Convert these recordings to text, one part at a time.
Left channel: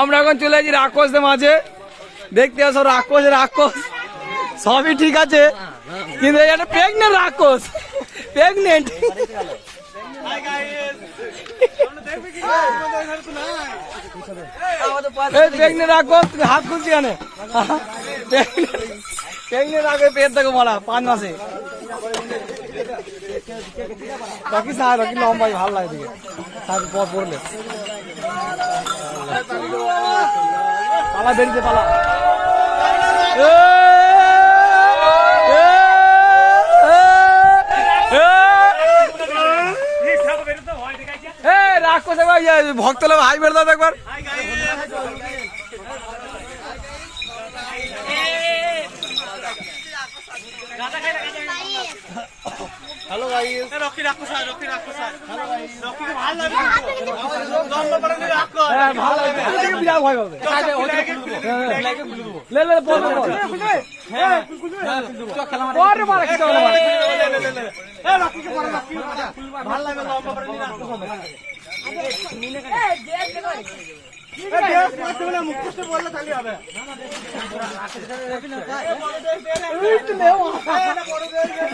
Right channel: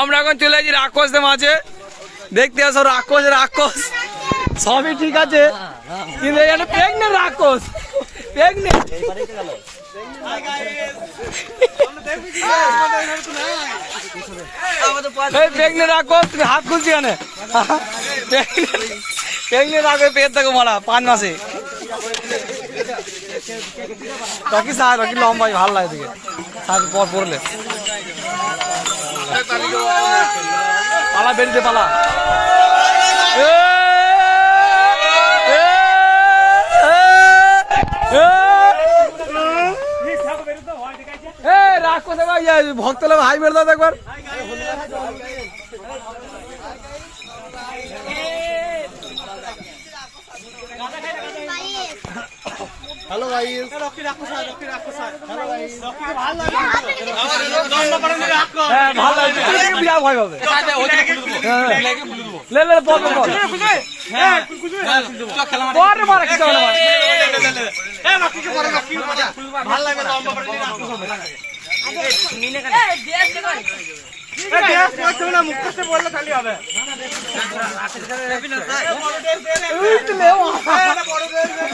আমরা এখন চলে যাচ্ছি রাক্ষসদের মাঝে, দেখতে আসো রাক্ষস সবই ঠিক আছে, কিন্তু একটা প্রেগনেন্ট রাক্ষস, প্রেগনেন্ট। প্রেগনেন্ট রাক্ষস, তুমি হাত খুলছি কেন? প্রেগনেন্ট রাক্ষস পেট দেখো মারা 5 মাসে। বাকি স্যার বাকি লম্বাই ভালো লাগে দেখে, স্যার পর পড়লে পালা বেরিয়ে পালা। রাক্ষস ভক্ত লোক হাই মেরে দাও একবার। হ্যালো গাইস, রকি রাক্ষস হ্যালো গাইস, রকিকে ভালো লাগে। হ্যাঁ ভালো লাগে, বিরাট ভয় হবে। লে লে বল বল, হ্যাঁ কুলকুল চক খেলা পরে মারা কি হবে না। এ রকিকে মারো, রকি ভালো লাগে, লম্বা করে নিয়ে রাক্ষস হবে। মিনে কেন এ দেশ দেখো, এ দেশ করতে না, মুখ কষ্টে বললে খালি হবে। রবিনা স্যার উইট লে ও এটা বড় করে দে।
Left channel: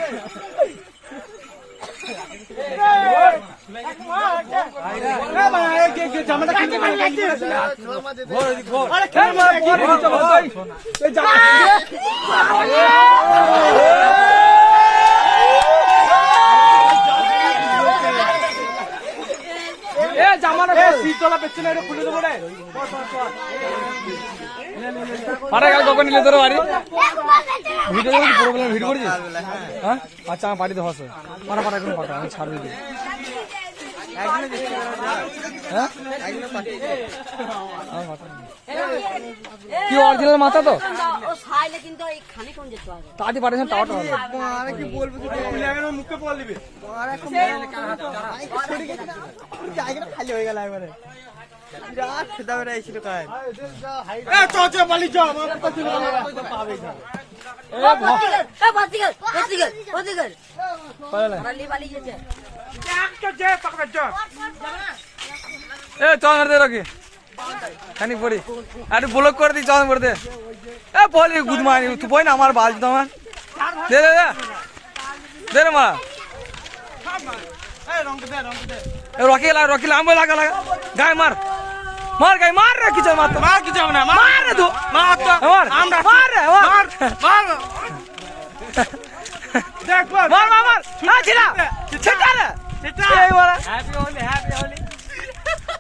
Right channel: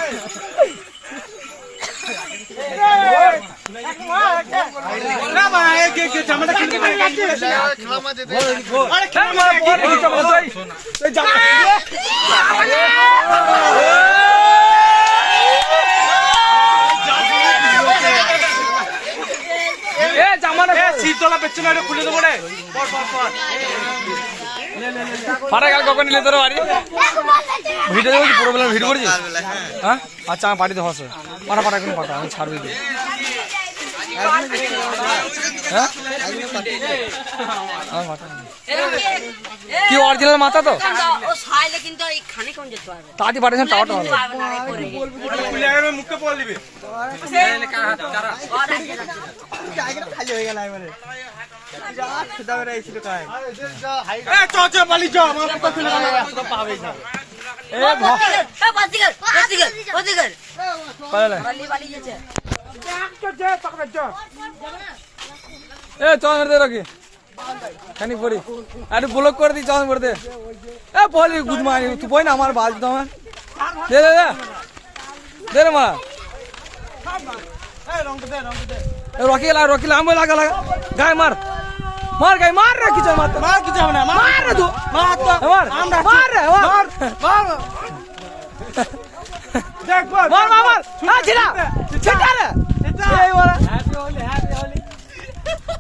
না ভাই কে জামাটা কিনে মার কাটছে খেলা মাঝে দে। আরে খেলা মার বল এই জামা এ জামানা এ শীতলা পেছনে এটা খুলে দেবো রে। পর পাটা গেল কখন নিলে তোর বাড়ি ভিডিও দেখছি, পুরো বেলা ভিডিও করেছিস? হ্যাঁ আচ্ছা আমার পাঠিয়ে দেবো, পাটা এখন পাঠা, আমি ছাড়বি দিই। হ্যাঁ কি অরিজিনাল মাথা তো তাড়াতাড়ি পাঠিয়েছেন, টাওয়াটা হবে। মুখে বল দিবি খালি হয়ে গেল এবারে। পাবে এ চল দে রাখি খানি পড়ি একটু ব্লক করে দিই, চল করে দে। এ বলি গুড মর্নিং, তুই বই না আমার বাজ তো আমার দে দে দে দে রে মা। রকি লাম্বো লাগা গায়ে মার মার গায়ে মার রে, কিছু মার মার কিছু হবে না, মার রে তুই মার তো মার আমরা মার রে মার মার দেখ মার মার মার না ছিড়া ছিড়া রে এই মারা। হ্যাপি হোলি